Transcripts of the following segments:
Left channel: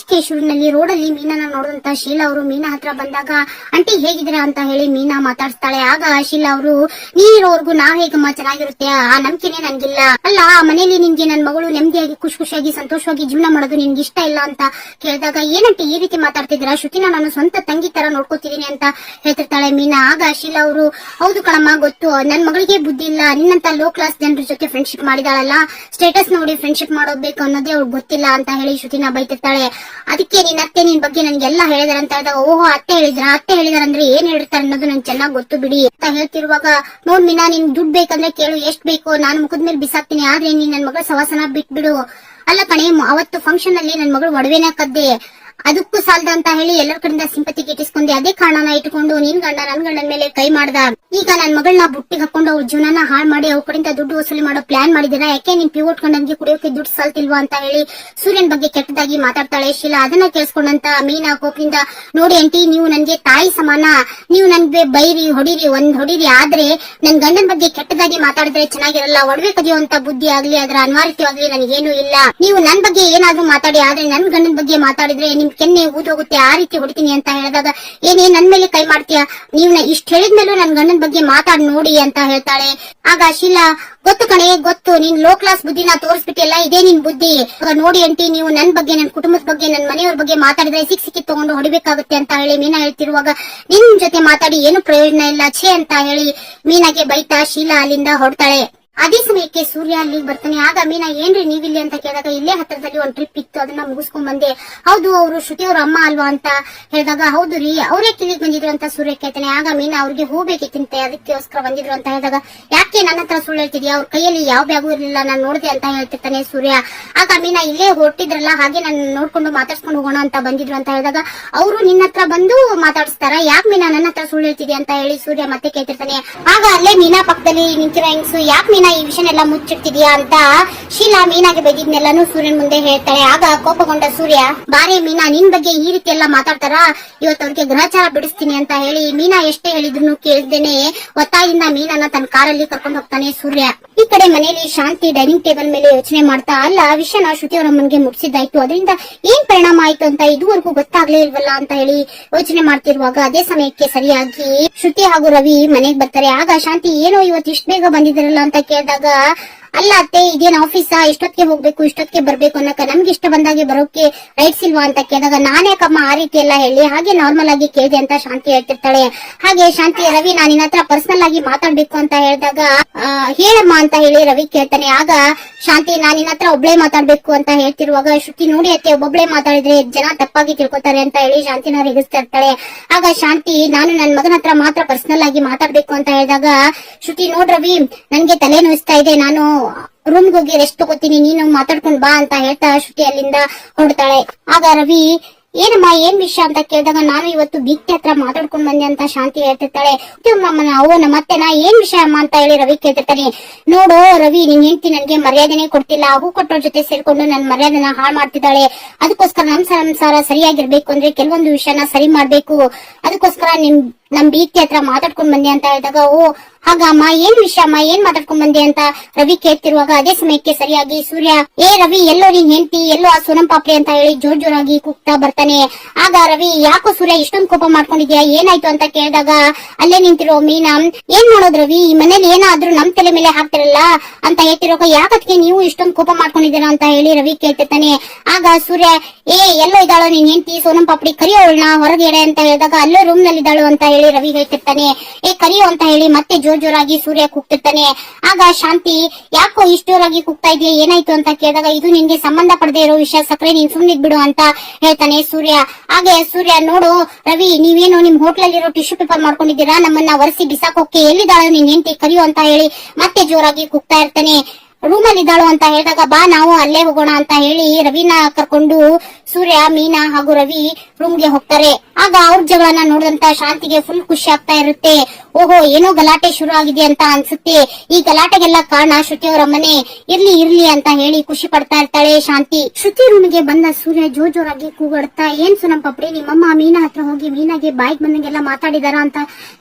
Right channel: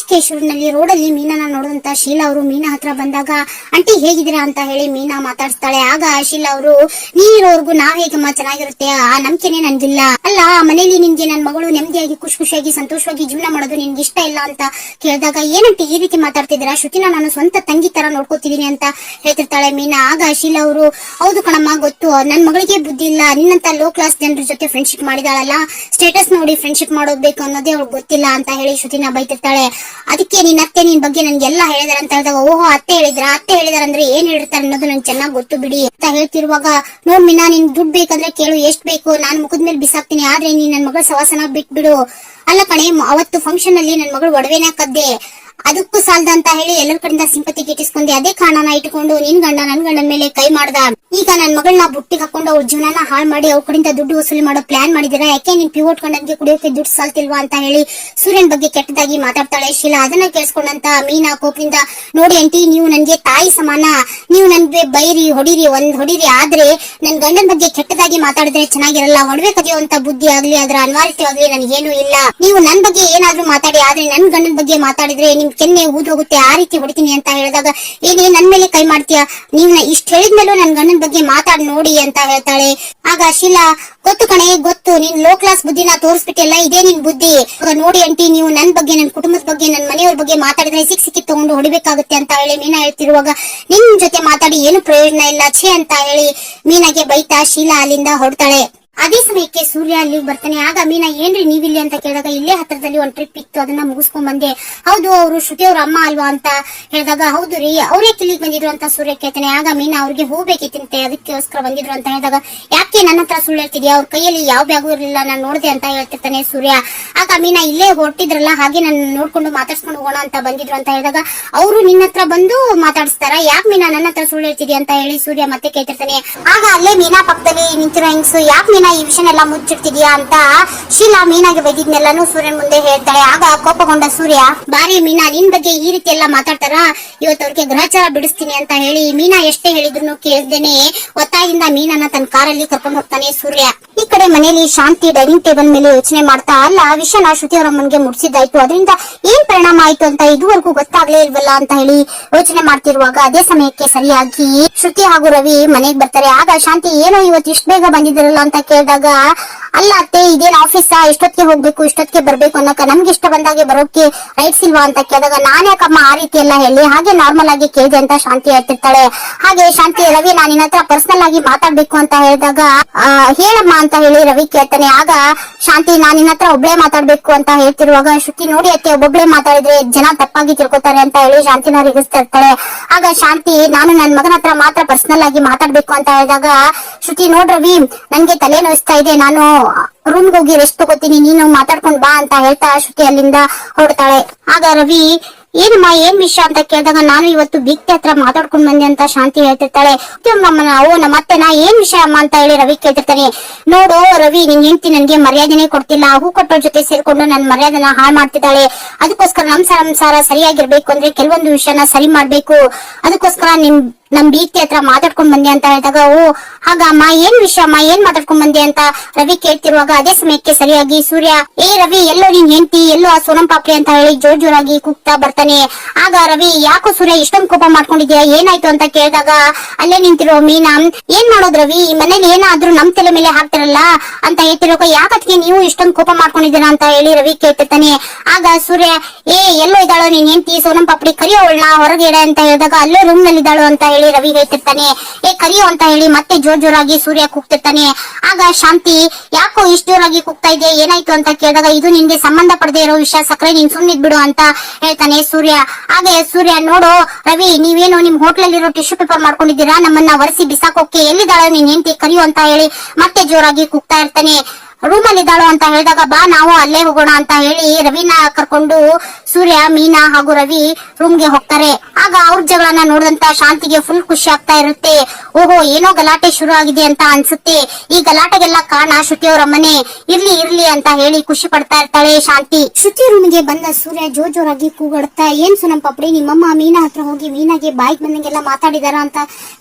ಮಂಚಿಕೇಶ್ವರನಲ್ಲಿ ರೋಡಲ್ಲಿ ಮೀನನ್ನ ನೋಡಿದಂತ ಶೀಲಾ ಅವರು ಮೀನಾ ಹತ್ರ ಬಂದಾಗ ಆಂಟಿ ಹೇಗಿದ್ದೀರಾ ಅಂತ ಹೇಳಿ ಮೀನಾ ಮಾತಾಡ್ಸ್ತಾಳೆ. ಆಗ ಶೀಲಾ ಅವರು ನೀನಿರೋವರೆಗೂ ನಾವ್ ಹೇಗಮ್ಮ ಚೆನ್ನಾಗಿರುತ್ತೆ ಆ ನಂಬಿಕೆನೆ ನನ್ಗಿಲ್ಲ. ಅಲ್ಲ ಮನೇಲಿ ನಿನ್ಗೆ ನನ್ ಮಗಳು ನೆಮ್ಮದಿಯಾಗಿ ಖುಷಿಯಾಗಿ ಸಂತೋಷವಾಗಿ ಜೀವನ ಮಾಡೋದು ನಿನ್ಗೆ ಇಷ್ಟ ಇಲ್ಲ ಅಂತ ಕೇಳಿದಾಗ ಏನಂಟಿ ಈ ರೀತಿ ಮಾತಾಡ್ತಿದ್ದೀರಾ, ಶ್ರುತಿನ ನಾನು ಸ್ವಂತ ತಂಗಿ ತರ ನೋಡ್ಕೋತಿದೀನಿ ಅಂತ ಹೇಳ್ತಿರ್ತಾಳೆ ಮೀನಾ. ಆಗ ಶೀಲಾ ಅವರು ಹೌದು ಕಣಮ್ಮ ಗೊತ್ತು, ನನ್ ಮಗಳಿಗೆ ಬುದ್ಧಿ ಇಲ್ಲ, ನಿನ್ನಂತ ಲೋ ಕ್ಲಾಸ್ ಜನರ ಜೊತೆ ಫ್ರೆಂಡ್ಶಿಪ್ ಮಾಡಿದಾಳಲ್ಲ, ಸ್ಟೇಟಸ್ ನೋಡಿ ಫ್ರೆಂಡ್ಶಿಪ್ ಮಾಡೋಬೇಕು ಅನ್ನೋದೇ ಅವ್ರಿಗೆ ಗೊತ್ತಿಲ್ಲ ಅಂತ ಹೇಳಿ ಶ್ರುತಿನ ಬೈತಿರ್ತಾಳೆ. ಅದಕ್ಕೆ ನಿನ್ನ ಅತ್ತೆ ನಿನ್ ಬಗ್ಗೆ ನನ್ಗೆಲ್ಲ ಹೇಳಿದಾರೆ ಅಂತ ಹೇಳಿದಾಗ ಓಹೋ ಅತ್ತೆ ಹೇಳಿದಾರ ಅಂದ್ರೆ ಏನ್ ಹೇಳಿರ್ತಾರೆ ಅನ್ನೋದು ನನ್ಗೆ ಚೆನ್ನಾಗಿ ಗೊತ್ತು ಬಿಡಿ ಅಂತ ಹೇಳ್ತಿರುವಾಗ ನೋಡ್ ಮೀನಾ ನಿನ್ ದುಡ್ಡು ಬೇಕಂದ್ರೆ ಕೇಳು, ಎಷ್ಟ್ ಬೇಕು ನಾನು ಮುಖದ ಮೇಲೆ ಬಿಸಾಕ್ತೀನಿ, ಆದ್ರೆ ನೀನ್ ನನ್ ಮಗಳ ಸವಾಸನ ಬಿಟ್ಬಿಡು. ಅಲ್ಲ ಕಣೆ ಅವತ್ತು ಫಂಕ್ಷನ್ ಅಲ್ಲಿ ನನ್ ಮಗಳು ಒಡವೆನ ಕದ್ದೆ, ಅದಕ್ಕೂ ಸಾಲದ ಅಂತ ಹೇಳಿ ಎಲ್ಲರ ಕಡೆಯಿಂದ ಸಿಂಪತಿ ಗಿಟ್ಟಿಸ್ಕೊಂಡೆ, ಅದೇ ಕಾರಣನ ಇಟ್ಕೊಂಡು ನಿನ್ ಗಂಡ ನನ್ ಗಂಡನ ಮೇಲೆ ಕೈ ಮಾಡ್ದ. ಈಗ ನನ್ ಮಗಳನ್ನ ಬುಟ್ಟಿಗೆ ಹಾಕೊಂಡು ಅವ್ರ ಜೀವನ ಹಾಳು ಮಾಡಿ ಅವ್ರ ಕಡೆಯಿಂದ ದುಡ್ಡು ವಸೂಲಿ ಮಾಡೋ ಪ್ಲಾನ್ ಮಾಡಿದಿರಾ, ಯಾಕೆ ನಿನ್ ಪಿವೋಟ್ ಗಂಡನ್ಗೆ ಕುಡಿಯೋಕೆ ದುಡ್ಡು ಸಾಲ್ತಿಲ್ವಾ ಅಂತ ಹೇಳಿ ಸೂರ್ಯನ್ ಬಗ್ಗೆ ಕೆಟ್ಟದಾಗಿ ಮಾತಾಡ್ತಾಳೆ ಶೀಲಾ. ಅದನ್ನ ಕೇಳಿಸ್ಕೊಂಡಂತ ಮೀನಾ ಕೋಪದಿಂದ ನೋಡಿ ಆಂಟಿ ನೀವು ನನ್ಗೆ ತಾಯಿ ಸಮಾನ, ನೀವು ನನ್ಗೆ ಬೈರಿ ಹೊಡಿರಿ ಆದ್ರೆ ನನ್ ಗಂಡನ ಬಗ್ಗೆ ಕೆಟ್ಟದಾಗಿ ಮಾತಾಡಿದ್ರೆ ಚೆನ್ನಾಗಿರಲ್ಲ. ಒಡವೆ ಕದಿಯುವಂತ ಬುದ್ಧಿ ಆಗ್ಲಿ ಅದ್ರ ಅನಿವಾರ್ಯತೆ ನನಗೇನು ಇಲ್ಲ. ನೀವು ನನ್ ಬಗ್ಗೆ ಏನಾದ್ರೂ ಮಾತಾಡಿ ಆದ್ರೆ ನನ್ ಗಂಡನ ಬಗ್ಗೆ ಮಾತಾಡಿದ್ರೆ ನಿಮ್ ಕೆನ್ನೆ ಊದೋಗುತ್ತೆ, ಆ ರೀತಿ ಹೊಡಿತೀನಿ ಅಂತ ಹೇಳಿದಾಗ ಏನೇ ನನ್ ಮೇಲೆ ಕೈ ಮಾಡ್ತೀಯಾ, ನೀವ್ ಇಷ್ಟ ಹೇಳಿದ್ಮೇಲೂ ನನ್ ಗಂಡನ ಬಗ್ಗೆ ಮಾತಾಡ್ ನೋಡಿ ಅಂತ ಹೇಳ್ತಾಳೆ. ಆಗ ಶೀಲಾ ಗೊತ್ತು ಕಣೆ ಗೊತ್ತು, ನೀನ್ ಲೋ ಕ್ಲಾಸ್ ಬುದ್ಧಿನ ತೋರಿಸ್ಬಿಟ್ಟಿಲ್ಲ, ಇದೇ ನಿನ್ ಬುದ್ಧಿ. ನೋಡಿ ಆಂಟಿ ನೀವು ನನ್ ಬಗ್ಗೆ ನನ್ ಕುಟುಂಬದ ಬಗ್ಗೆ ನನ್ ಮನೆಯವ್ರ ಬಗ್ಗೆ ಮಾತಾಡಿದ್ರೆ ಸಿಕ್ಕಿ ತಗೊಂಡು ಹೊಡಿಬೇಕಾಗುತ್ತೆ ಅಂತ ಹೇಳಿ ಮೀನಾ ಹೇಳ್ತಿರುವಾಗ ನಿನ್ ಜೊತೆ ಮಾತಾಡಿ ಏನು ಪ್ರಯೋಜನ ಇಲ್ಲ ಛೇ ಅಂತ ಹೇಳಿ ಮೀನಾಗೆ ಬೈತಾ ಶೀಲಾ ಅಲ್ಲಿಂದ ಹೊರಡ್ತಾಳೆ. ಅದೇ ಸಮಯಕ್ಕೆ ಸೂರ್ಯ ಅಲ್ಲಿಗೆ ಬರ್ತಾನೆ. ಆಗ ಮೀನಾ ಏನ್ರಿ ನೀವಿಲ್ಲಿ ಅಂತ ಕೇಳಿದಾಗ ಇಲ್ಲೇ ಹತ್ರದಲ್ಲಿ ಒಂದ್ ಟ್ರಿಪ್ ಇತ್ತು ಅದನ್ನ ಮುಗಿಸ್ಕೊಂಡ್ ಬಂದೆ. ಹೌದು ಅವರು ಶ್ರುತಿ ಅವ್ರ ಅಮ್ಮ ಅಲ್ವಾ ಅಂತ ಹೇಳಿದಾಗ ಹೌದು ರೀ ಅವರೇ ಕಿಲ್ಲಿಗೆ ಬಂದಿದ್ರು ಅಂತ ಸೂರ್ಯ ಕೇಳ್ತಾನೆ. ಆಗ ಮೀನಾ ಅವ್ರಿಗೆ ಹೋಗ್ಬೇಕಿತ್ತಂತೆ ಅದಕ್ಕೋಸ್ಕರ ಬಂದಿದ್ರು ಅಂತ ಹೇಳಿದಾಗ ಯಾಕೆ ನನ್ನ ಹತ್ರ ಸುಳ್ಳು ಹೇಳ್ತಿದ್ಯಾ, ಅವ್ರ ಕೈಯಲ್ಲಿ ಯಾವ ಬ್ಯಾಗು ಇರ್ಲಿಲ್ಲ ನಾನು ನೋಡಿದೆ ಅಂತ ಹೇಳ್ತಿರ್ತಾನೆ ಸೂರ್ಯ. ಆಗ ಮೀನಾ ಇಲ್ಲೇ ಹೊರಟಿದ್ರಲ್ಲ ಹಾಗೆ ನಾನು ನೋಡ್ಕೊಂಡು ಮಾತಾಡ್ಸ್ಕೊಂಡು ಹೋಗೋಣ ಅಂತ ಬಂದಿದ್ರು ಅಂತ ಹೇಳಿದಾಗ ಅವರು ನಿನ್ನ ಹತ್ರ ಬಂದು ಮಾತಾಡಿಸ್ತಾರ, ಯಾಕೆ ಮೀನಾ ನನ್ನ ಹತ್ರ ಸುಳ್ಳು ಹೇಳ್ತಿದ್ಯಾ ಅಂತ ಹೇಳಿ ಸೂರ್ಯ ಮತ್ತೆ ಕೇಳ್ತಿರ್ತಾನೆ. ಆಗ ಅಲ್ಲೇ ಮೀನಾ ಪಕ್ಕದಲ್ಲಿ ನಿಂತಿರೋ ಹೆಂಗ್ಸು ಯಾಕೆ ಮೀನಾ ಈ ವಿಷಯನೆಲ್ಲ ಮುಚ್ಚಿಡ್ತಿದ್ಯಾ ಅಂತ ಶೀಲಾ ಮೀನಾಗೆ ಬೈದಿದ್ನೆಲ್ಲಾನು ಸೂರ್ಯನ್ ಮುಂದೆ ಹೇಳ್ತಾಳೆ. ಆಗ ಕೋಪಗೊಂಡ ಸೂರ್ಯ ಬಾರಿ ಮೀನಾ ನಿನ್ ಬಗ್ಗೆ ಈ ರೀತಿ ಎಲ್ಲ ಮಾತಾಡ್ತಾರ, ಇವತ್ತು ಅವ್ರಿಗೆ ಗ್ರಹಚಾರ ಬಿಡಿಸ್ತೀನಿ ಅಂತ ಹೇಳಿ ಮೀನಾ ಎಷ್ಟೇ ಹೇಳಿದ್ರು ಕೇಳ್ದೇನೆ ಒತ್ತಾಯಿಂದ ಮೀನನ್ನ ತನ್ನ ಕಾರಲ್ಲಿ ಕರ್ಕೊಂಡು ಹೋಗ್ತಾನೆ ಸೂರ್ಯ. ಈ ಕಡೆ ಮನೆಯಲ್ಲಿ ಶಾಂತಿ ಡೈನಿಂಗ್ ಟೇಬಲ್ ಮೇಲೆ ಯೋಚನೆ ಮಾಡ್ತಾ ಅಲ್ಲ ವಿಷಯನ ಶ್ರುತಿ ಅವರ ಮುನ್ಗೆ ಮುಟ್ಸಿದ್ದಾಯ್ತು, ಅದರಿಂದ ಏನ್ ಪರಿಣಾಮ ಆಯ್ತು ಅಂತ ಇದುವರೆಗೂ ಗೊತ್ತಾಗ್ಲೇ ಇಲ್ವಲ್ಲ ಅಂತ ಹೇಳಿ ಯೋಚನೆ ಮಾಡ್ತಿರುವಾಗ ಅದೇ ಸಮಯಕ್ಕೆ ಸರಿಯಾಗಿ ಶ್ರುತಿ ಹಾಗೂ ರವಿ ಮನೆಗೆ ಬರ್ತಾರೆ. ಆಗ ಶಾಂತಿ ಏನೋ ಇವತ್ತು ಇಷ್ಟ ಬೇಗ ಬಂದಿದ್ದೀರಲ್ಲ ಅಂತ ಕೇಳಿದಾಗ ಅಲ್ಲ ಅತ್ತೆ ಇದೇನ್ ಆಫೀಸ್ ಇಷ್ಟೊತ್ತಿಗೆ ಹೋಗ್ಬೇಕು ಇಷ್ಟೊತ್ತಿಗೆ ಬರ್ಬೇಕು ಅನ್ನಕ ನಮ್ಗೆ ಇಷ್ಟ ಬಂದಾಗೆ ಬರೋಕೆ ರೈಟ್ಸ್ ಇಲ್ವಾ ಅಂತ ಕೇಳಿದಾಗ ನಾನ್ಯಾಕಮ್ಮ ಆ ರೀತಿ ಎಲ್ಲ ಹೇಳಿ ಹಾಗೆ ನಾರ್ಮಲ್ ಆಗಿ ಕೇಳಿದೆ ಅಂತ ಶಾಂತಿ ಹೇಳ್ತಿರ್ತಾಳೆ. ಹಾಗೆ ಶಾಂತಿ ರವಿ ನಾನು ನಿನ್ನ ಹತ್ರ ಪರ್ಸನಲ್ ಆಗಿ ಮಾತಾಡ್ಬೇಕು ಅಂತ ಹೇಳಿದಾಗ ಹೇಳಮ್ಮ ಅಂತ ಹೇಳಿ ರವಿ ಕೇಳ್ತಾನೆ. ಆಗ ಶಾಂತಿ ನಾನು ನಿನ್ನ ಹತ್ರ ಒಬ್ಳೆ ಮಾತಾಡ್ಬೇಕು ಅಂತ ಹೇಳ್ತಿರುವಾಗ ಶ್ರುತಿ ನೋಡಿ ಅತ್ತೆ ಒಬ್ಬೊಬ್ಳೆ ಮಾತಾಡಿದ್ರೆ ಜನ ತಪ್ಪಾಗಿ ತಿಳ್ಕೊತಾರೆ ಅಂತ ಹೇಳಿ ಶಾಂತಿನ ರಿಗಿಸ್ತಾ ಇರ್ತಾಳೆ. ಆಗ ಶಾಂತಿ ನಾನು ನನ್ನ ಮಗನ ಹತ್ರ ಮಾತ್ರ ಪರ್ಸನಲ್ ಆಗಿ ಮಾತಾಡ್ಬೇಕು ಅಂತ ಹೇಳಿದಾಗ ಶ್ರುತಿ ನೋಡ್ ರವಿ ನನ್ಗೆ ತಲೆ ನೋಯಿಸ್ತಾ ಇದೆ, ನಾನು ರೂಮ್ಗೆ ಹೋಗಿ ರೆಸ್ಟ್ ತಗೋತೀನಿ, ನೀನು ಮಾತಾಡ್ಕೊಂಡ್ ಬಾ ಅಂತ ಹೇಳ್ತಾ ಶ್ರುತಿ ಅಲ್ಲಿಂದ ಹೊರಡ್ತಾಳೆ. ಆಗ ರವಿ ಏನಮ್ಮ ಏನ್ ವಿಷಯ ಅಂತ ಕೇಳಿದಾಗ ನಾನು ಇವತ್ತು ಬಿಗ್ತೆ ಹತ್ರ ಮಾತಾಡ್ಕೊಂಡ್ ಬಂದೆ ಅಂತ ಶಾಂತಿ ಹೇಳ್ತಿರ್ತಾಳೆ. ನಮ್ಮ ಅತ್ತೆನ ಏನ್ ವಿಷಯ ಅಮ್ಮ ಅಂತ ಹೇಳಿ ರವಿ ಕೇಳ್ತಿರ್ತಾನೆ. ನೋಡು ರವಿ ನಿನ್ ಹೆಂಡತಿ ನನ್ಗೆ ಮರ್ಯಾದೆನೆ ಕೊಡ್ತಿಲ್ಲ, ಹೂ ಕೊಟ್ಟೋರ್ ಜೊತೆ ಸೇರ್ಕೊಂಡು ನನ್ ಮರ್ಯಾದೆನ ಹಾಳು ಮಾಡ್ತಿದ್ದಾಳೆ, ಅದಕ್ಕೋಸ್ಕರ ನಮ್ ಸಂಸಾರ ಸರಿಯಾಗಿರ್ಬೇಕು ಅಂದ್ರೆ ಕೆಲವೊಂದು ವಿಷಯನ ಸರಿ ಮಾಡ್ಬೇಕು, ಅದಕ್ಕೋಸ್ಕರ ನಮ್ ಬೀಗ್ತಿ ಹತ್ರ ಮಾತಾಡ್ಕೊಂಡ್ ಬಂದೆ ಅಂತ ಹೇಳಿದಾಗ ಓ ಹಾಗಮ್ಮ ಏನ್ ವಿಷಯ ಅಮ್ಮ ಏನ್ ಮಾತಾಡ್ಕೊಂಡ್ ಬಂದೆ ಅಂತ ರವಿ ಕೇಳ್ತಿರುವಾಗ ಅದೇ ಸಮಯಕ್ಕೆ ಸರಿಯಾಗಿ ಸೂರ್ಯ ಏ ರವಿ ಎಲ್ಲೋ ನೀನ್ ಹೆಂಡತಿ ಎಲ್ಲೋ ಆ ಸೋನಂ ಪಾಪ್ರಿ ಅಂತ ಹೇಳಿ ಜೋರಾಗಿ ಕೂಗ್ತಾ ಬರ್ತಾನೆ. ಆಗ ರವಿ ಯಾಕೋ ಸೂರ್ಯ ಇಷ್ಟೊಂದು ಕೋಪ ಮಾಡ್ಕೊಂಡಿದ್ಯಾ ಏನಾಯ್ತು ಅಂತ ಕೇಳಿದಾಗ ಅಲ್ಲೇ ನಿಂತಿರೋ ಮೀನಾ ಏನ್ ಮಾಡೋದ್ ರವಿ ಈ ಮನೇಲಿ ಏನಾದ್ರೂ ನಮ್ ತಲೆ ಮೇಲೆ ಹಾಕ್ತಿರಲ್ಲ ಅಂತ ಹೇಳ್ತಿರುವಾಗ ಯಾಕತ್ಗೆ ನೀವು ಇಷ್ಟೊಂದು ಕೋಪ ಮಾಡ್ಕೊಂಡಿದ್ದೀರಾ ಅಂತ ಹೇಳಿ ರವಿ ಕೇಳ್ತಿರ್ತಾನೆ. ಆಗ ಸೂರ್ಯ ಎಲ್ಲೋ ಇದ್ದಾಳು ನೀನ್ ಹೆಂಡತಿ ಸೋನಂ ಪಾಪ್ರಿ ಕರಿಯೋಳ್ನ ಹೊರಗೆ ಇಡ ಅಂತ ಹೇಳಿದಾಗ ಅಲ್ಲೋ ರೂಮ್ ನಲ್ಲಿ ಇದ್ದಾಳು ಅಂತ ಹೇಳಿ ರವಿ ಹೇಳ್ತಿರ್ತಾನೆ. ಕರಿಯೋ ಅಂತ ಹೇಳಿ ಮತ್ತೆ ಜೋರಾಗಿ ಸೂರ್ಯ ಕೂಗ್ತಿರ್ತಾನೆ. ಆಗ ಶಾಂತಿ ಯಾಕೋ ಇಷ್ಟು ಜೋರಾಗಿ ಕೂಗ್ತಾ ಇದೆಯಾ ಏನಾಯ್ತು ಅಂತ ಕೇಳಿದಾಗ ಇದು ನಿನ್ಗೆ ಸಂಬಂಧ ಪಡದೆ ಇರೋ ವಿಷಯ ಸಕ್ರೆ ನೀನ್ ಸುಮ್ನಿದ್ ಬಿಡು ಅಂತ ಹೇಳ್ತಾನೆ ಸೂರ್ಯ. ಹಾಗೆ ಸೂರ್ಯ ನೋಡು ರವಿ ನೀವೇನೋ ನಿಮ್ ಹೋಟ್ಲಲ್ಲಿರೋ ಟಿಶ್ಯೂ ಪೇಪರ್ ಮಾಡ್ಕೊಂಡಿದ್ದೀರಾ, ನಮ್ಮನ್ನ ಒರೆಸಿ ಬಿಸಾಕೋಕೆ ಎಲ್ಲಿದ್ದಾಳ ನೀನ್ ಹೆಂಡತಿ ಕರಿಯೋ ಅಂತ ಹೇಳಿ ಮತ್ತೆ ಜೋರಾಗಿ ಕೂಗ್ತಾ ಇರ್ತಾನೆ. ರೂಮ್ ಅಲ್ಲಿ ಇದ್ದಾಳು ಅಂತ ಹೇಳಿದಾಗ ಬಾ ನಾವು ಅಲ್ಲೇ ಹೋಗೋಣ ಅಂತ ಹೇಳಿ ರವಿನ ಕರ್ಕೊಂಡು ಸೂರ್ಯ ಮೀನಾ ಹಾಗೂ ರವಿ ರೂಮ್ಗೆ ಹೋಗ್ತಾರೆ. ಆಗ ಅವ್ರ ಜಗಳನ್ನ ನೋಡಿದಂತ ಶಾಂತಿಗೆ ಫುಲ್ ಖುಷಿ ಆಗ್ತಾ ಇರುತ್ತೆ. ಓಹೋ ಏನೋ ಗಲಾಟೆ ಶುರು ಆಗಿದೆ ಅಂತ ಅನ್ಸುತ್ತೆ, ಈ ಗಲಾಟೆಗೆಲ್ಲ ಕಾರಣ ಶ್ರುತಿ ಅವರ ಮನೆ, ಇರ್ಲಿ ಅಂತ ಹೇಳಿ ಖುಷಿ ಪಡ್ತಾ ಇರ್ತಾಳೆ ಶಾಂತಿ. ಶ್ರುತಿ ರೂಮ್ಗೆ ಬಂದ ಸೂರ್ಯ ಜೋರಾಗಿ ಕೂಗಾಡುತ್ತಾ ಏನ್ ಸುನಂ ಪಾಪ್ರಿ ನಿಮ್ಮಮ್ಮ ಮೀನಾ ಹತ್ರ ಹೋಗಿ ಮೀನಾಗೆ ಬಾಯಿಗೆ ಬಂದಂಗೆಲ್ಲ ಮಾತಾಡಿದಾರ ಅಂತ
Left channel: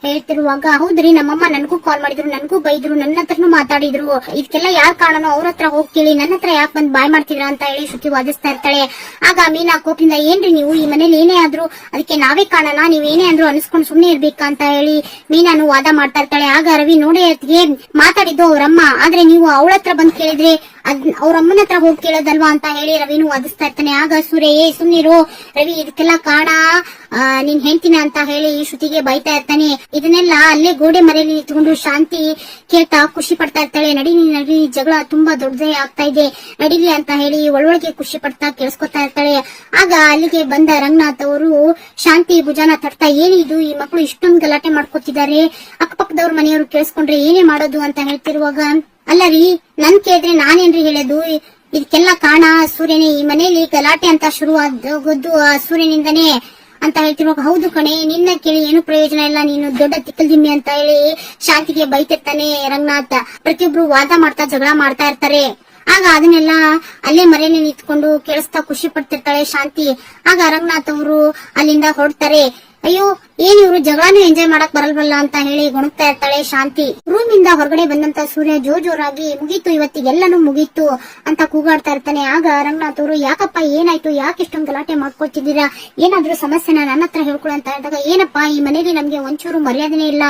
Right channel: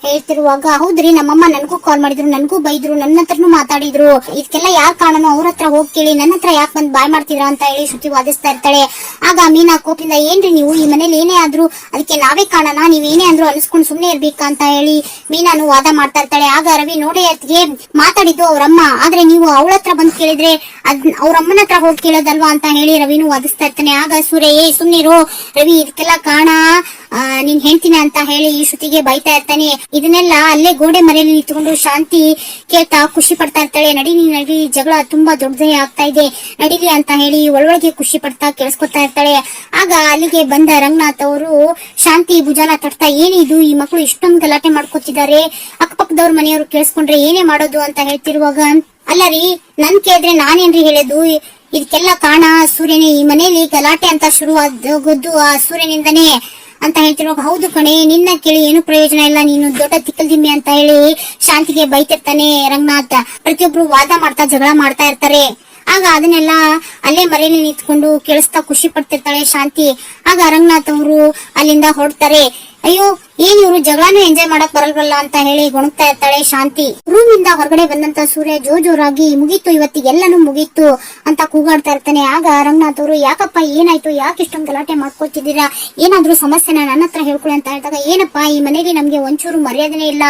ಹೇಳ್ತಿರುವಾಗ ಹೌದ್ರಿ ನಮ್ಮಮ್ಮ ನನ್ಗೂ ಕಾಲ್ ಮಾಡಿದ್ರು, ನನ್ಗೂ ಬೈದ್ರು, ನನ್ನ ಹತ್ರನು ಮಾತಾಡಿದ್ರು, ಇದಕ್ಕೆಲ್ಲ ಯಾರ್ ಕಾರಣನೋ ಅವ್ರ ಹತ್ರ ಹೋಗಿ ಕೇಳಿ ನನ್ನ ಹತ್ರ ಯಾಕೆ ಬಂದ್ ಬಾಯ್ ಮಾಡ್ತಿದ್ರ ಅಂತ ಹೇಳಿ ಶ್ರುತಿ ವಾದಿಸ್ತಾ ಇರ್ತಾಳೆ. ಆಗ ಮೀನಾ ಮೀನಾ ಕೋಪದಿಂದ ಏನ್ರಿ ನೀವು ಈ ಮನೇಲಿ ಏನೇ ಆದ್ರೂ ಅದಕ್ಕೆ ನಾವೇ ಕಾಣೋಣ, ನೀವೇನೇ ಅಂದ್ರೂ ಅನ್ಸ್ಕೊಂಡು ಸುಮ್ನೆ ಇರ್ಬೇಕಾ ಅಂತ ಹೇಳಿ ಮೀನಾನು ವಾದ ಮಾಡ್ತಾ ಇರ್ತಾಳೆ. ಆಗ ರವಿ ನೋಡಿ ಅತ್ತಿಗೆ ಮಾತಾಡಿದ್ದು ಅವ್ರಮ್ಮ, ಆದ್ರೆ ನೀವು ಅವಳ ಹತ್ರ ಬಂದ್ ಕೇಳಿದ್ರೆ ಅವ್ರ ಅಮ್ಮನ ಹತ್ರ ಹೋಗಿ ಕೇಳೋದಲ್ವಾ ಅಂತ ಹೇಳಿ ರವಿನು ವಾದಿಸ್ತಾ ಇರ್ತಾನೆ. ಆಗ ಸೂರ್ಯ ಸುಮ್ನಿರು ರವಿ, ಇದಕ್ಕೆಲ್ಲ ಕಾರಣ ನೀನ್ ಹೇಳ್ತೀನಿ ಅಂತ ಹೇಳಿ ಶ್ರುತಿಗೆ ಬೈತಾ ಇರ್ತಾನೆ. ಇದನ್ನೆಲ್ಲ ಅಲ್ಲೇ ಗೋಡೆ ಮರೆಯಲ್ಲಿ ನಿಂತ್ಕೊಂಡು ಶಾಂತಿ ಕೇಳ್ತಾ ಖುಷಿ ಪಡ್ತಾ ಇರ್ತಾಳೆ. ನಡಿ ಜಗಳ ತುಂಬಾ ದೊಡ್ಡದೇ ಆಗ್ತಾ ಇದೆ, ನಡೀಲಿ ಅಂತ ಹೇಳಿ ಒಳೊಳಗೆ ಖುಷಿ ಪಡ್ತಾ ಕೇಳಿಸ್ಕೊತಾ ಇರ್ತಾಳೆ. ಆಗ ಅಲ್ಲಿಗೆ ಬಂದ ರಂಗನಾಥ್ ಅವರು ಶಾಂತಿ ಭುಜಾನ ತಟ್ತಾ, ಏನಿದು ಈ ಮಕ್ಕಳು ಇಷ್ಟೊಂದು ಗಲಾಟೆ ಮಾಡ್ಕೊತಿದ್ದಾರೆ, ಅಕ್ಕಪಕ್ಕದವ್ರ ಮನೆಯವರು ಕೇಳಿಸ್ಕೊಂಡ್ರೆ ಏನೇ ಮಾಡೋದು ಅಂತ ಹೇಳ್ತಿರುವಾಗ, ಅಲ್ಲ ರೀ ನನ್ ಕೇಳಿದ್ರೆ ನಾನೇನ್ರಿ ಹೇಳೋದು, ಇದಕ್ಕೆಲ್ಲ ಕಾರಣ ಸೂರ್ಯನೇ, ಈ ಮನೇಲಿ ಗಲಾಟೆ ಅಂತ ಶುರು ಆಗೋದು ಆ ಸೂರ್ಯನಿಂದನೇ ಅಂತ ಹೇಳ್ತಿರುವಾಗ, ಹೌದು ಕಣೆ ನಿನ್ನ ಕೇಳಿ ಏನು ಪ್ರಯೋಜನ ಇಲ್ಲ, ನೀನು ದೊಡ್ಡ ತಿಕ್ಕಲ್ದಿಮ್ಮೆ ಅಂತ ಹೇಳಿ ಶಾಂತಿಗೆ ಬೈತಿರ್ತಾನೆ ರಂಗನಾಥ್. ಪ್ರತಿಯೊಬ್ರು ವಾದ ಮಾಡ್ತಾ ಜಗಳ ಮಾಡ್ತಾ ಇರ್ತಾರೆ. ಆಗ ಅದನ್ನೆಲ್ಲ ಅಲ್ಲೇ ಮರೆಯಲ್ಲಿ ನಿಂತ್ಕೊಂಡು ಕೇಳಿಸ್ತಾ ಖುಷಿ ಪಡ್ತಿರ್ತಾಳೆ ಶಾಂತಿ. ಆಗ ರಂಗನಾಥ್ ಅವರು ಅಲ್ಲಿಂದ ಹೊರಡ್ತಾರೆ. ಅಯ್ಯೋ ಏನ್ ಇವ್ರು ಜಗಳಾನು ಎಂಜಾಯ್ ಮಾಡಕ್ ಬರಲ್ವಲ್ಲ ಅಂತ ಹೇಳಿ ಗೊಣಗ್ತಾ ಇರ್ತಾಳೆ ಶಾಂತಿ. ರೂಮ್ ಇಂದ ಹೊರಗಡೆ ಬಂದಂತ ಸೂರ್ಯ ಜೋರಾಗಿ ಮುಗೀತು ಇವತ್ತಿಗೆಲ್ಲನೂ ಮುಗೀತು ಅಂತ ಕೂಗಾಡ್ತಾ ಇರ್ತಾನೆ. ಆಗ ರಂಗನಾಥ್ ಅವರು, ಯಾಕಪ್ಪ ಏನಾಯ್ತು, ಯಾಕೆ ಇಷ್ಟೊಂದು ಗಲಾಟೆ ಮಾಡ್ಕೊತಿದ್ದೀರಾ, ಏನಾದ್ರೂ ಸಮಸ್ಯೆನ ನನ್ನ ಹತ್ರ ಹೇಳ್ಕೊಳ್ಳಿ ಅಂತ ಹೇಳಿದಾಗ, ಏನಪ್ಪಾ ಈ ಮನೆಯಲ್ಲಿ ನಮ್ಗೆ ಒಂಚೂರು ಮರ್ಯಾದೆನೇ ಇಲ್ಲ,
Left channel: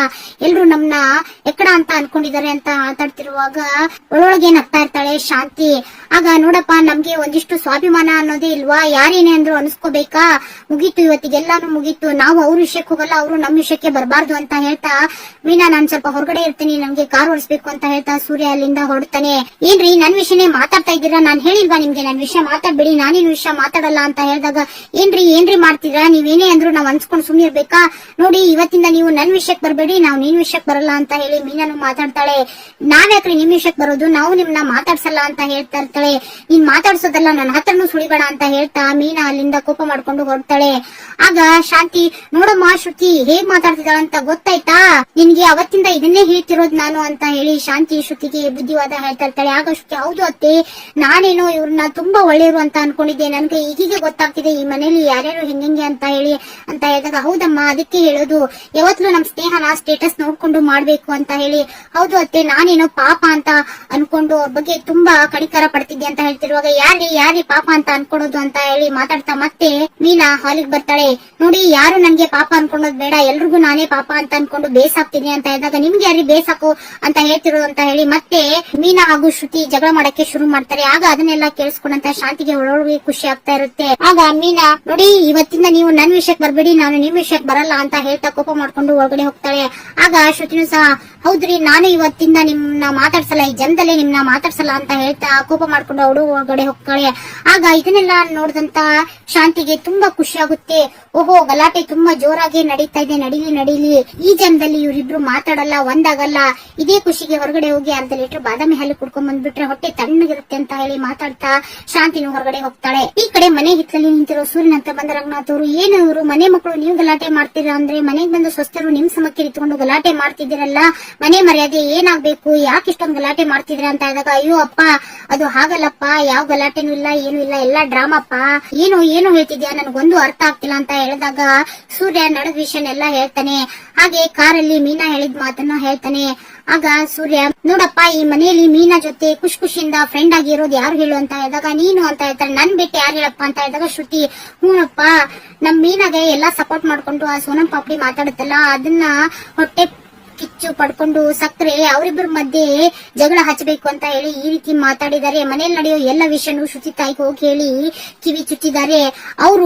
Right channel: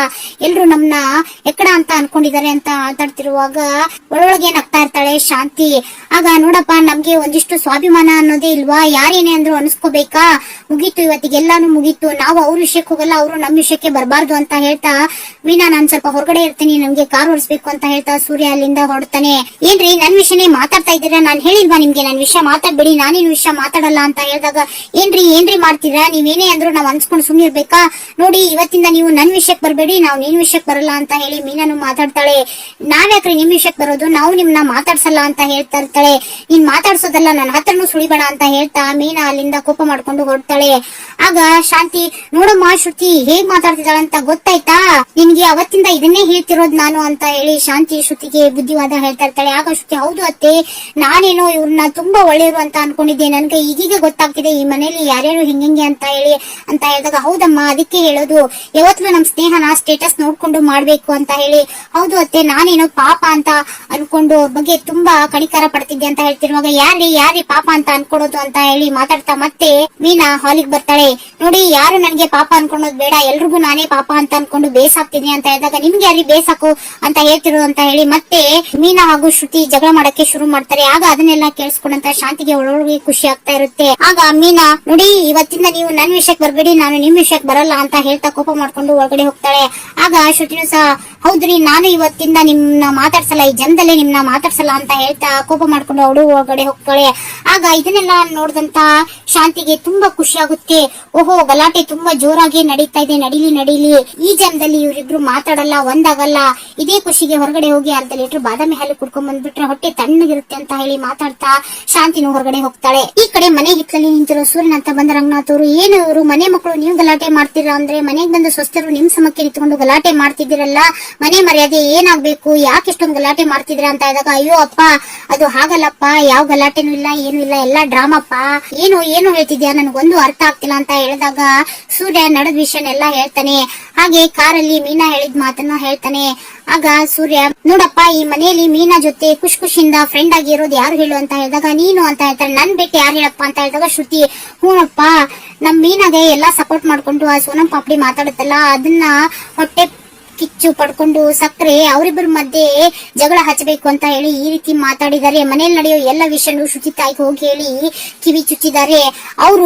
ಎಲ್ರು ನಮ್ನ ಎಕ್ಕಡ ಅಂತ ಅನ್ಕೊಂಡಿದ್ದಾರೆ ಅಂತ ಮಾತಾಡ್ತಿರುವಾಗ ಒಳೊಳಗೆ ನಗ್ತಾ ಇರ್ತಾಳೆ ಶಾಂತಿ. ಆಗ ನೋಡಪ್ಪ ನಮ್ಗೆ ಒಂದಿಷ್ಟು ಸ್ವಾಭಿಮಾನ ಅನ್ನೋದೇ ಇಲ್ವಾ, ಯಾರೇನೇ ಅಂದ್ರು ಅನ್ಸ್ಕೋಬೇಕಾ, ಮುಗೀತು ಇವತ್ತಿಗೆಲ್ಲಾನು ಮುಗೀತು, ನಾವು ಅವ್ರ ವಿಷಯಕ್ಕೆ ಹೋಗಲ್ಲ, ಅವರು ನಮ್ಮ ವಿಷಯಕ್ಕೆ ಬರಬಾರ್ದು ಅಂತ ಹೇಳ್ತಾ, ಮೀನಾ ನಾನ್ ಸ್ವಲ್ಪ ಹೊರಗಡೆ ಇರ್ತೀನಿ, ನನ್ಗೆ ಕಾರ್ ಓಡಿಸ್ಬೇಕು ಅಂತ ಹೇಳ್ತಾ ಸೂರ್ಯ ಅಲ್ಲಿಂದ ಹೊರಡ್ತಾನೆ. ಏನ್ರಿ ನನ್ ವಿಷಯನೇ ಮಾತಾಡ್ತಾ ಇದ್ದೀರಾ, ನಾನ್ ಹೇಳಿಲ್ವಾ ನಿಮ್ಗೆ ನನ್ ವಿಷಯ ಮಾತಾಡ್ಬೇಡಿ, ನಾನೇನು ವಿಷಯ ಮಾತಾಡಲ್ಲ ಅಂತ ಹೇಳಿದಾಗ, ಏನ್ರಿ ಮಾಡ್ತೀರಾ, ನೀವೇನೇ ಅಂದ್ರು ನಾವ್ ಅನ್ಸ್ಕೊಂಡು ಸುಮ್ನೆ ಇರ್ಬೇಕಾ, ನೋಡಿ ಇವತ್ತಿಂದ ನೀವು ನನ್ ವಿಷಯಕ್ಕೆ ಬರಬೇಡಿ, ನಾವು ನಿನ್ ವಿಷಯಕ್ಕೆ ಬರಲ್ಲ ಅಂತ ಹೇಳಿ ಮೀನಾನು ಮಾತಾಡ್ತಾಳೆ. ನಾವ್ಯಾಕ್ರಿ ನಿಮ್ ವಿಷಯಕ್ಕೆ ಬರೋದು, ನಾವು ನಿಮ್ನ ಮಾತಾಡ್ಸಲ್ಲ ಅಂತ ಹೇಳ್ತಾ ಇರ್ತಾಳೆ. ನೀನ್ ಮಾತಾಡ್ಸೋದಲ್ಲ ನನ್ನ ಹತ್ರನು ಸುಳಿಬೇಡ ಅಂತ ಹೇಳ್ತಾ ಮೀನಾ ಅಲ್ಲಿಂದ ಕೋಪ ಮಾಡ್ಕೊಂಡು ಹೊರಡ್ತಾಳೆ. ಆಗ ಶಾಂತಿ, ನೋಡಮ್ಮ ಶ್ರುತಿ ಹೇಗ್ ಮಾತಾಡ್ತಿದ್ದಾಳೆ ಅಂತ ಗೊತ್ತಾಯ್ತಾ, ನಿನ್ಗೆ ಅವತ್ತಿಂದ ಇದನ್ನೇ ಹೇಳ್ತಿರೋದ್ ನಾನು ಅಂತ ಹೇಳಿ ಶಾಂತಿ ಶ್ರುತಿಗೆ ಬುದ್ಧಿವಾದ ಹೇಳ್ತಾ ಇರ್ತಾಳೆ. ಆಗ ಶ್ರುತಿ, ಹೌದು ಅತ್ತೆ, ನಾನೇನೋ ಇವ್ರನ್ನ ತುಂಬಾ ಒಳ್ಳೆಯವರು ಅಂತ ಅನ್ಕೊಂಡಿದ್ದೆ, ನನ್ಗೆ ಈಗೀಗ ಗೊತ್ತಾಗ್ತಿದೆ ಈ ಮನೇಲಿ ಯಾರ್ಯಾರು ಹೆಂಗೆ ಅಂತ ಹೇಳಿ ಅಂತ ಹೇಳಿದಾಗ, ಹೌದಮ್ಮ ಅದಕ್ಕೆ ಹೇಳೋದು, ಯಾವತ್ತೂ ನಮ್ ಸ್ನೇಹನ ಸ್ಟೇಟಸ್ ನೋಡ್ಕೊಂಡು ಮಾಡ್ಬೇಕು ಅಂತ ಹೇಳಿ. ಹೌದು ಅತ್ತೆ, ನಾನೇನೋ ಪಾಪ ಅಂತ ಅನ್ಕೊಂಡು ಅವ್ರ ಬಗ್ಗೆ ತುಂಬಾ ಕಣಿಕರ ಪಡ್ತಿದ್ದೆ ಅಂತ ಹೇಳ್ತಿರುವಾಗ, ಯಾರೇ ಪಾಪ ಅಂತ ಅನ್ಕೊಳೋದು ಅಂತ ಹೇಳಿ ಮಾತಾಡ್ತಾ ಮತ್ತೆ ಮೀನಾ ಹಾಲಿಗೆ ಬರ್ತಾಳೆ. ನೋಡಿ ಯಾರು ನನ್ಗೆ ಪಾಪ ಅನ್ಕೊಳ್ಳೋದು ಬೇಡ, ಎಲ್ರಿಗೂ ನಾನೇ ಪಾಪ ಅಂತ ಅನ್ಕೊಂಡು ಬೇಸಾಕ್ತೀನಿ ಅಂತ ಹೇಳಿದಾಗ, ನಿಮ್ಗೆ ಯಾರಿಗೆ ಬೇಸಾಕು ಅಂತ ಹೇಳ್ತಿರೋದು ಅಂತ ಹೇಳಿ ಮತ್ತೆ ಮೀನಾ ಹಾಗೂ ಶ್ರುತಿ ಜಗಳ ಮಾಡಕ್ಕೆ ಶುರು ಮಾಡ್ತಾರೆ. ಆಗ ಅದನ್ನೆಲ್ಲ ಕೇಳಿಸ್ಕೊಂಡಂತ ಶಾಂತಿಗೆ ಒಳೊಳಗೆ ಖುಷಿ ಆಗ್ತಾ ಇರುತ್ತೆ. ಆಗ ಮೀನಾ, ನೋಡಿ ಇವತ್ತಿಂದ ನೀವು ನನ್ ವಿಷಯಕ್ಕೆ ಬರ್ಬೇಡಿ, ನಾನು ನಿಮ್ ವಿಷಯಕ್ಕೆ ಬರಲ್ಲ ಅಂತ ಹೇಳ್ತಾ ಕೋಪ ಮಾಡ್ಕೊಂಡು ಒಳಗಡೆ ಹೋಗ್ತಾಳೆ. ಆಗ ಶ್ರುತಿನೂ ಸಹ, ಹೌದ್ರಿ ನಾನು ಇವತ್ತಿಂದ ನಿಮ್ನ ಮಾತಾಡ್ಸಲ್ಲ, ಈ ಜನದಲ್ಲೇ ನಿಮ್ನ ಮಾತಾಡ್ಸಲ್ಲ ಅಂತ ಹೇಳ್ತಾ ಕೋಪ ಮಾಡ್ಕೊಂಡು ಅವಳು ಒಳಗಡೆ ಹೋಗ್ತಾಳೆ. ಆಗ ಇದನ್ನೆಲ್ಲ ನೋಡಿದಂತ ಶಾಂತಿಗೆ ತುಂಬಾ ಖುಷಿ ಆಗುತ್ತೆ. ಓಹೋ ಗಲಾಟೆ ತುಂಬಾ ಜೋರಾಗಿ ನಡೀತಾ ಇದೆ, ನಡೀಲಿ, ಈ ಜನ್ಮದಲ್ಲಿ ಇವರಿಬ್ರು ಮಾತಾಡಲ್ಲ, ಒಂದಾಗಲ್ಲ, ಇದೇ ಖುಷಿಗೆ ಹೊರಗಡೆ ಹೋಗಿ ಅಂತ ಲೀಟರ್ ಬಾದಾಮಿ ಹಾಲು ಕುಡ್ಕೊಂಡ್ ಬಂದ್ಬಿಟ್ರೆ ಹೊಟ್ಟೆ ತಣ್ಣಗಿರುತ್ತೆ ಅಂತ ಹೇಳಿ ಮಾತಾಡ್ತಾ ಶಾಂತಿನೂ ಹೊರಗಡೆ ಹೋಗ್ತಾಳೆ. ಈ ಕಡೆ ಮನೆ ಹಿತ್ತಲಲ್ಲಿ ನಿಂತಿರೋ ಸೂರ್ಯನ್ ಅಂತ ಬಂದ ರಂಗನಾಥ್ ಅವರು, ಏನು ಇವರು ಮನೆ ಮಕ್ಕಳು ನೀವು ಗಲಾಟೆ ಮಾಡ್ತೀರಾ ಅಂದ್ರೆ, ಮನೆಗೆ ಬಂದ ಸ್ವಸ್ಥರು ನಿಮ್ ಸಮಕ್ಕೆ ನಿಂತ್ಕೊಂಡು ಗಲಾಟೆ ಮಾಡ್ತಿದ್ದೀರಲ್ಲ, ಮನೆ ಮರ್ಯಾದೆ ಏನಾಗ್ಬೇಕು, ಯಾಕೆ ಇಷ್ಟೊಂದು ಗಲಾಟೆ ಮಾಡ್ತಿದ್ರ ಅಂತ ಹೇಳಿದಾಗ, ಅಯ್ಯೋ ಅಪ್ಪ ಅದು ಹಾಗಲ್ಲಪ್ಪ, ಯಾವ ಗಲಾಟೆನೂ ಇಲ್ಲ, ಏನು ಇಲ್ಲ, ಎಲ್ಲಾ ಡ್ರಾಮಪ್ಪ, ಏನೋ ಹೇಳ್ತಿದ್ಯಾ, ನನಗೊಂದು ಅರ್ಥ ಆಗ್ತಿಲ್ಲ ಅಂತ ಹೇಳಿದಾಗ ಸೂರ್ಯ ನಡೆದ ವಿಷಯನೆಲ್ಲ ಹೇಳ್ತಾನೆ. ಹಾಗೆ ಕಾರಲ್ಲಿ ಮೀನಾ ಹೇಳಿದ ಮಾತನ್ನ ಹೇಳ್ತಾನೆ. ಆಗ ಸೂರ್ಯ, ನೋಡಪ್ಪ ಈ ಮನೆಯಲ್ಲಿ ಮೀನಾ ಜೊತೆ ಖುಷಿಯಿಂದ ಫ್ರೆಂಡ್ ಆಗಿ ಇರೋದು ಯಾರು ಹೇಳು ಅಂತ ಹೇಳಿದಾಗ, ನೀನು ಅಂತ ಹೇಳ್ತಾರೆ. ನನ್ ಬಿಟ್ಟು ಯಾರು ಹೇಳಪ್ಪ ಅಂತ ಹೇಳಿದಾಗ ಶ್ರುತಿ, ಹೂನಪ್ಪ ನಮ್ ಮೀನಾಗೆ ಎಲ್ಲಾ ಸಪೋರ್ಟ್ ಮಾಡ್ಕೊಂಡು ಆ ಸೋನಂ ಪಾಪಡಿ ಮಾತಾಡುತ್ತಲ್ಲ, ಅದನ್ನ ಹೊಟ್ಟೆ ಕಿಚ್ಚು ಪಡ್ಕೊಂಡು ಸಕ್ಕರೆ ಅವರಿಬ್ಬರ ಮಧ್ಯೆ ಜಗಳ ಹಚ್ಚಬೇಕು ಅಂತ ಹೇಳಿ ಈ ರೀತಿ ಮಾತಾಡಿದ್ದಾರೆ. ಮನೇಲಿ ನಡೆಯೋ ಎಲ್ಲ ವಿಷಯನೂ ಶ್ರುತಿ ತಾಯಿಗೆ ಹೋಗಿ ಹೇಳಿ ಕಿವಿ ಚುಚ್ಚಿದ್ದಾರೆ. ಅವರು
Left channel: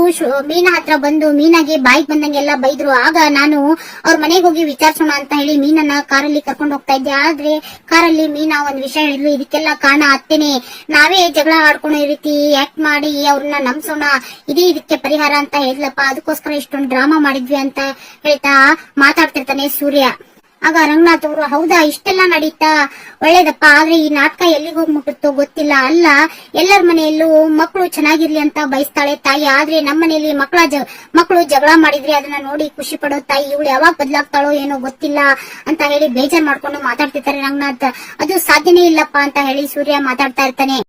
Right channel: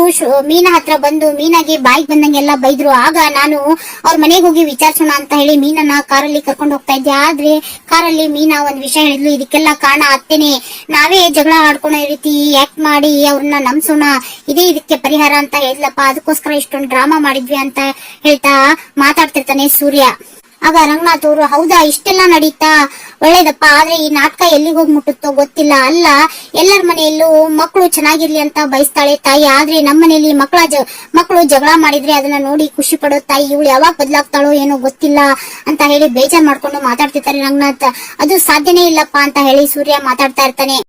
ಮೀನಾ ಹತ್ರ ಬಂದು ಮೀನಾಗೆ ಬಾಯಿಗೆ ಬಂದಂಗೆಲ್ಲ ಬೈದ್ರು. ಆಗ ನಾನು ಅವ್ರ ಮನೆಗೆ ಹೋಗಿ ವಿಚಾರಿಸೋಣ ಅಂತ ಹೇಳಿ ಮೀನನ್ನ ಕಾರಲ್ಲಿ ಕರ್ಕೊಂಡು ಹೋಗ್ತಾ ಇದ್ದೆ. ಆದ್ರೆ ಕಾರಲ್ಲಿ ಮೀನಾ ಒಂದ್ ವಿಷಯ ಹೇಳಿದ್ಲು, ಇದಕ್ಕೆಲ್ಲ ಕಾರಣ ಅತ್ತೇನೆ, ನಾವೇ ಜಗಳ ಆಡ್ಕೊಳೋ ರೀತಿ ಆಕ್ಟ್ ಮಾಡಿ ಅವ್ರನ್ನ ನಂಬಿಸೋಣ, ಇದೇ ಇದಕ್ಕೆ ಪರಿಹಾರ ಅಂತ ಹೇಳಿದ್ಲಪ್ಪ, ಅದಕ್ಕೋಸ್ಕರ ಇಷ್ಟೊಂದು ಡ್ರಾಮಾ ಮಾಡಿದ್ವಿ ಅಂತ ಹೇಳ್ತಾ ಮಾತಾಡ್ತಿರ್ತಾನೆ ಸೂರ್ಯ. ಆಗ ರಂಗನಾಥ್ ಅವರು, ಹೌದಾ ಇಷ್ಟೆಲ್ಲ ನಡೀತಾ, ಒಳ್ಳೇದಪ್ಪ, ಆದ್ರೆ ಈ ನಾಟಕ ಎಲ್ಲಿಗೆ ಹೋಗಿ ಮುಟ್ಟುತ್ತೋ ಗೊತ್ತಿಲ್ಲ. ಅಲ್ಲ ಎಲ್ಲರ ಮನೆಯಲ್ಲೂ ಮಕ್ಕಳು ಚೆನ್ನಾಗಿರ್ಲಿ ಅಂತ ಬಯಸ್ತಾಳೆ ತಾಯಿ, ಆದ್ರೆ ನಮ್ಮ ಮನೆಯಲ್ಲಿ ಮಕ್ಕಳು ಜಗಳ ಮಾಡಿದ್ರೆ ಅದನ್ನ ನೋಡಿ ಖುಷಿ ಪಡೋ ತಾಯಿ, ಇವಳು ಯಾವಾಗ ಬದಲಾಗ್ತಾಳೋ ಏನೋ ಗೊತ್ತಿಲ್ಲ ಅಂತ ಹೇಳಿ ಬೇಜಾರ್ ಮಾಡ್ಕೊಂಡು ಮಾತಾಡ್ತಿರ್ತಾರೆ ರಂಗನಾಥ್. ಅದು ಸಾಧ್ಯನೇ ಇಲ್ಲಪ್ಪ ಅಂತ ಹೇಳಿ ಸೂರ್ಯ ಮಾತಾಡ್ತಾ ಇರ್ತಾನೆ.